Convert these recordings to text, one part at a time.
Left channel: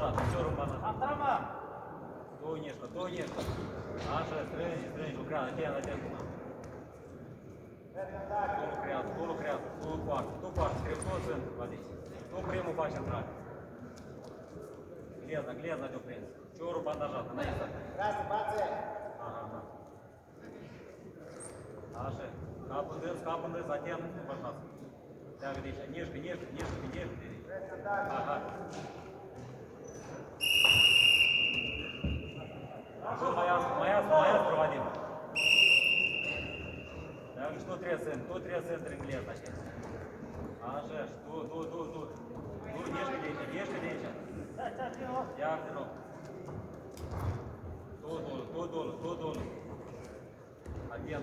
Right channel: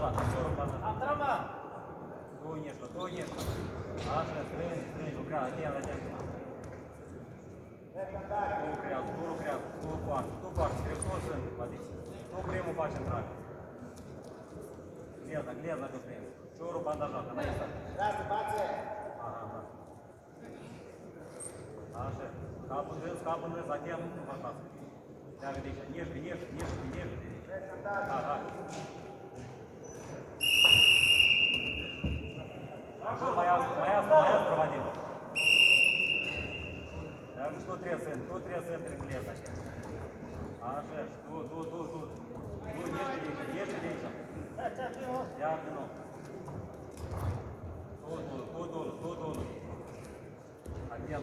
bandajat, ușor bandajat. Două nieșcă. Așa, strângi, lucrează, atent. Tu lucrează, tu poartă, toți sunt, vadiți. Tu primul faci intrare. Gleza de prins. Ciorul bandajat. Grazie, pace! Așa, capul dâns, atent, bărbați. Leagă de aici, nieșcă. Aha. Mai azi, Vadim. Leagă și tu trebuie să intri în gleza, așa. Așa, și tu. Nieșcă de aici. Iar din nou. Tu.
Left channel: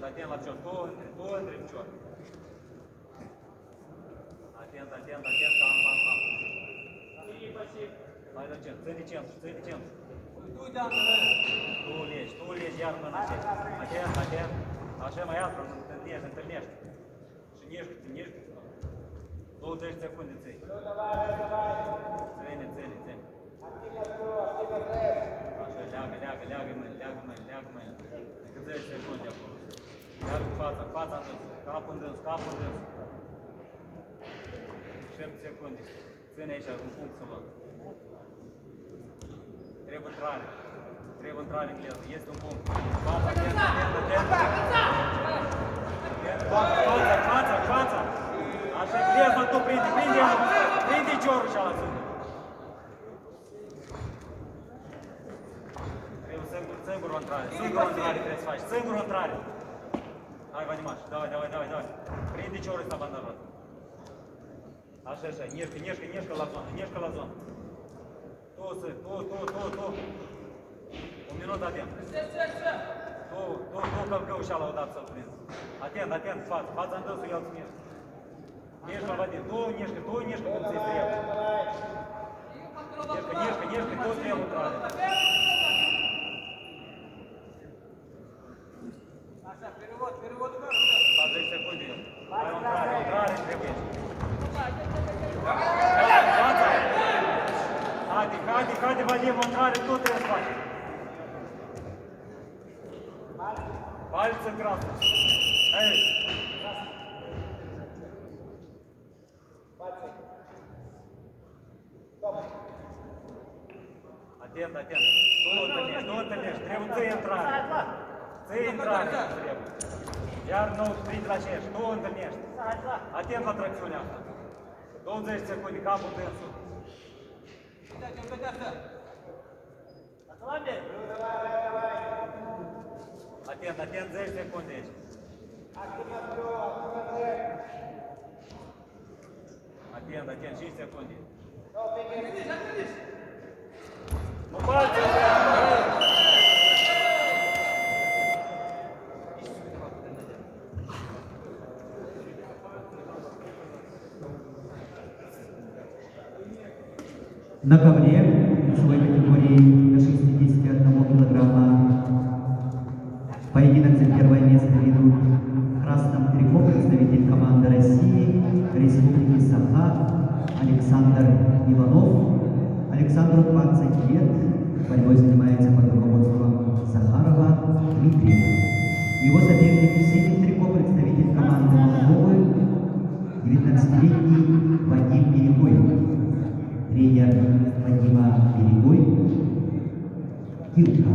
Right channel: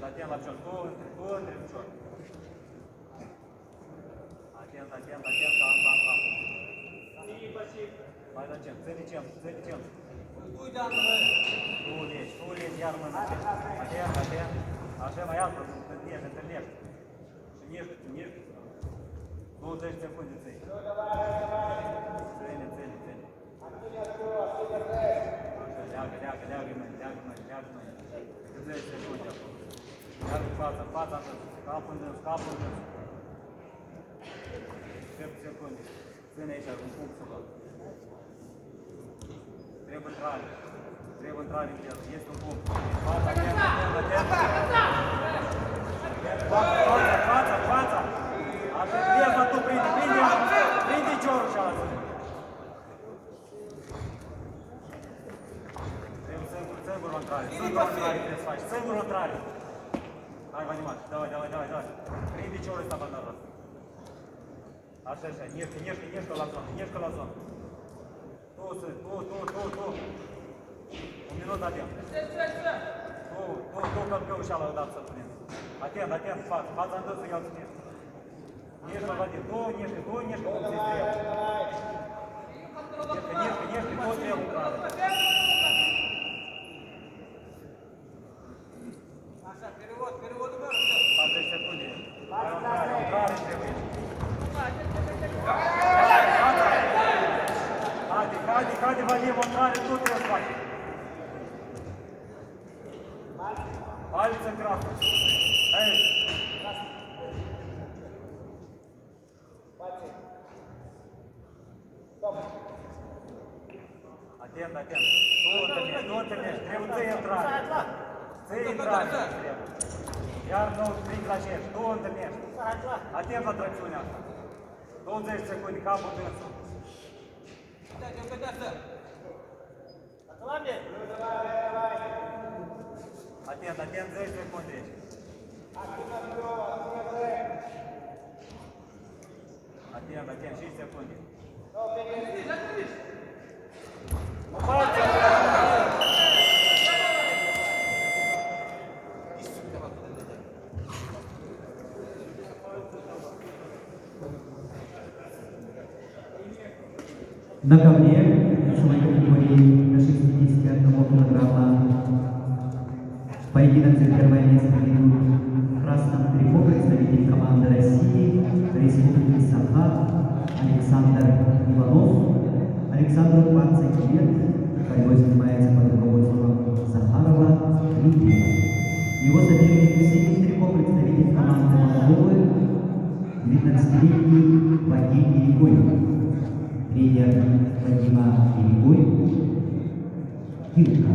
Atent la cior, tu întri în cior. Atent, Mai de centru, țări de centru. Tu legi, iar mână. Atent. Așa mai altă, întâlnești. Și niești. 20 secunde țări. Ține. Leagă mâine. 10 secunde. Leagă fața în dâns, capul în dâns. 7 secunde. Ține aici, în punctul ăla. Trebuie intrare în viață. Este un punct. Fața. Așa, gleza tu, prinde ciorul și ala ține. Singurul intrare trebuie să faci. Singurul intrare. Hai, Vanimaș, давай. Prinde ciorul ăsta bandajat. Așa, nieșcă la zonă. Tu. Un minut avem. Tu călcău și ala odată să-l prinzi. Atent, fața în dânsul, eu îl ținesc. Nieșcă la Vadim, tu nieșcă, cum ți-i trebuie. Nieșcă, tu trebuie intrare. Așa, perioadă. 40 secunde. Intrare trebuie. Haide, Vadim, intrare, tu trebuie să faci. Пальцы красные. Эй! Пальцы. Стоп. Atent. Nu întâlnești. Trebuie ți-i intrare. Iar nou strict la aceeași. Nu întâlnești. Atent la tracțiunea asta. 20 secunde, capul dânsul. Atent, 10 secunde aici. Atent, 5 secunde. Nu faci! На ковре в своей категории до 61 килограмма поединок за первое место ведут в красном трико представитель команды России, Республики Саха Александр Иванов. Александру 20 лет, борьбой занимается под руководством Захарова Дмитрий. Его соперник в синем трико представитель команды Молдовы, 19-летний Вадим Берегой. Тренер Вадима Берегой, Кирка.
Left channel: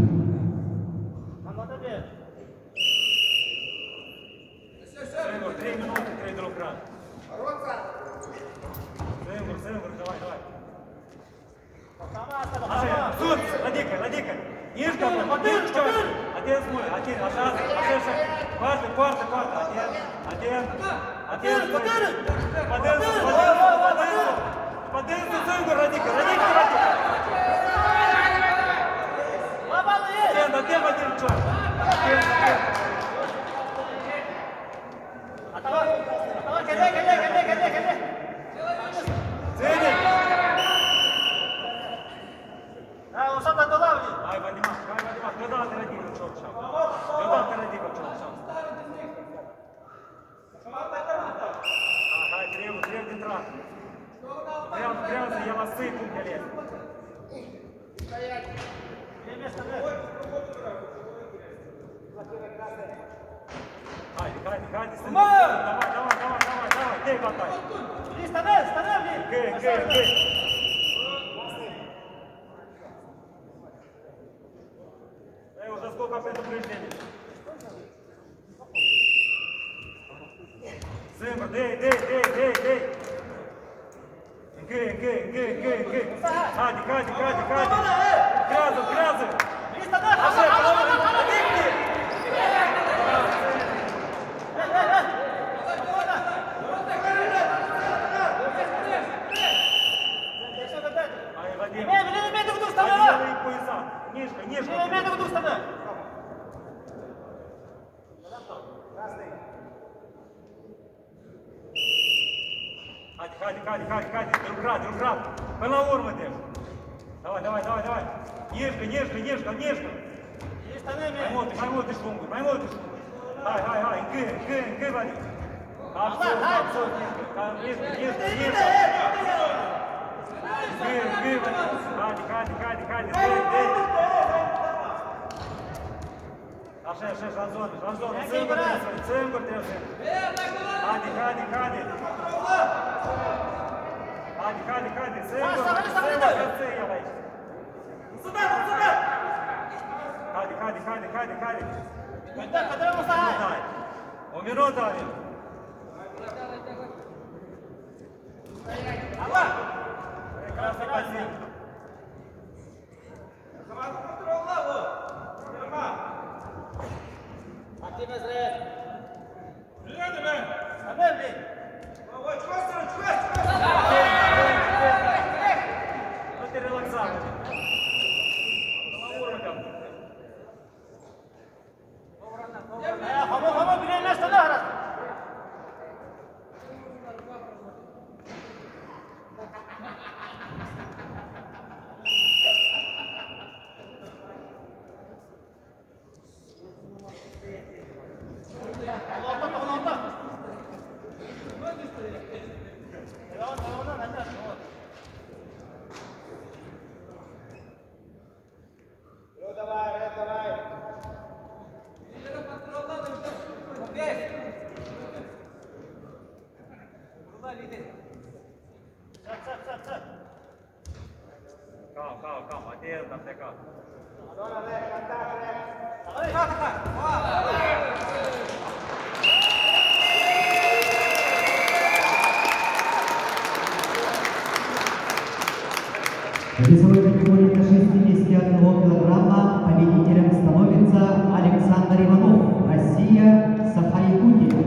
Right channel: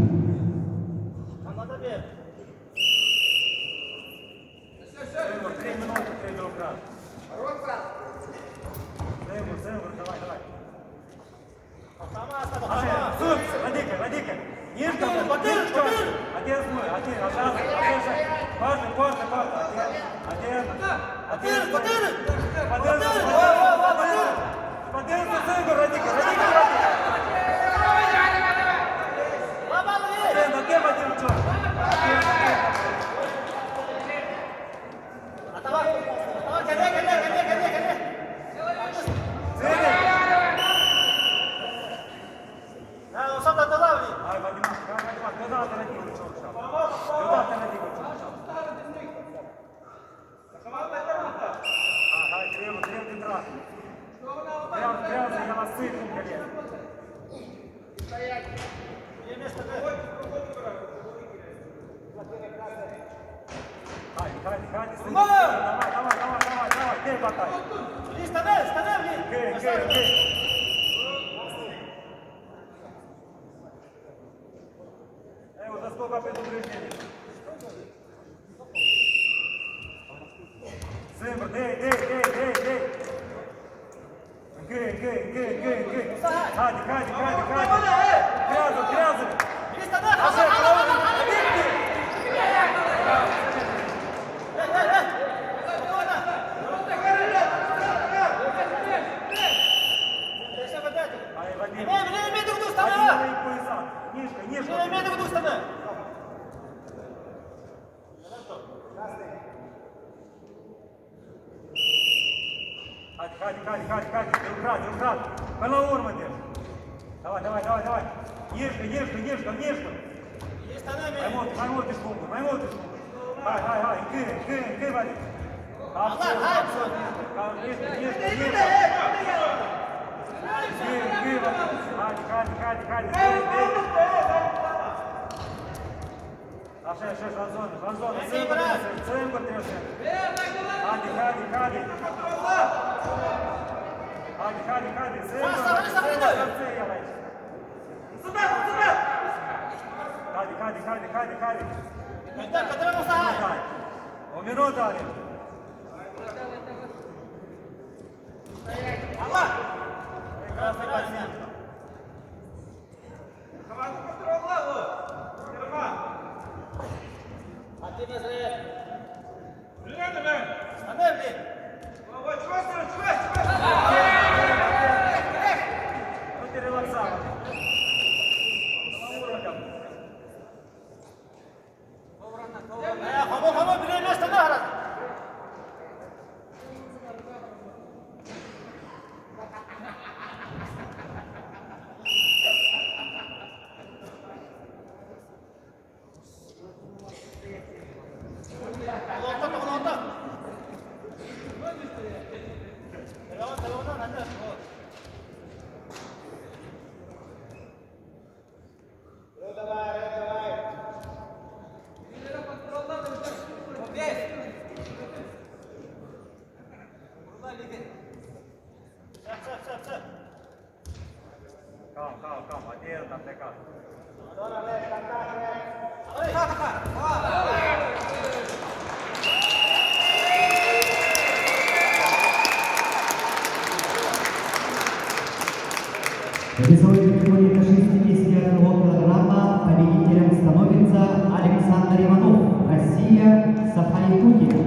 Давай, ты готов. Гей. Уже сколько предупреждений? Симба, дей. Гей. Хади. Грязов. Ай, Вадим. Вадим, пояса. Нижка. Хади. Демкрат. Балаур мы держим. Давай. Нежка. Пойму ты штуку. Давай. Кы, Вадим. Абсолютно. Нежка. Кы, Вадим. Хади. Шеш, Антон. Центр трясет. Хади. Хади. Умирал дали. Вот и релаксация. Calma, adeus, até cá. Весовой категории до 61 килограмма победителем становится Александр Иванов, Россия, Саха-Якутия.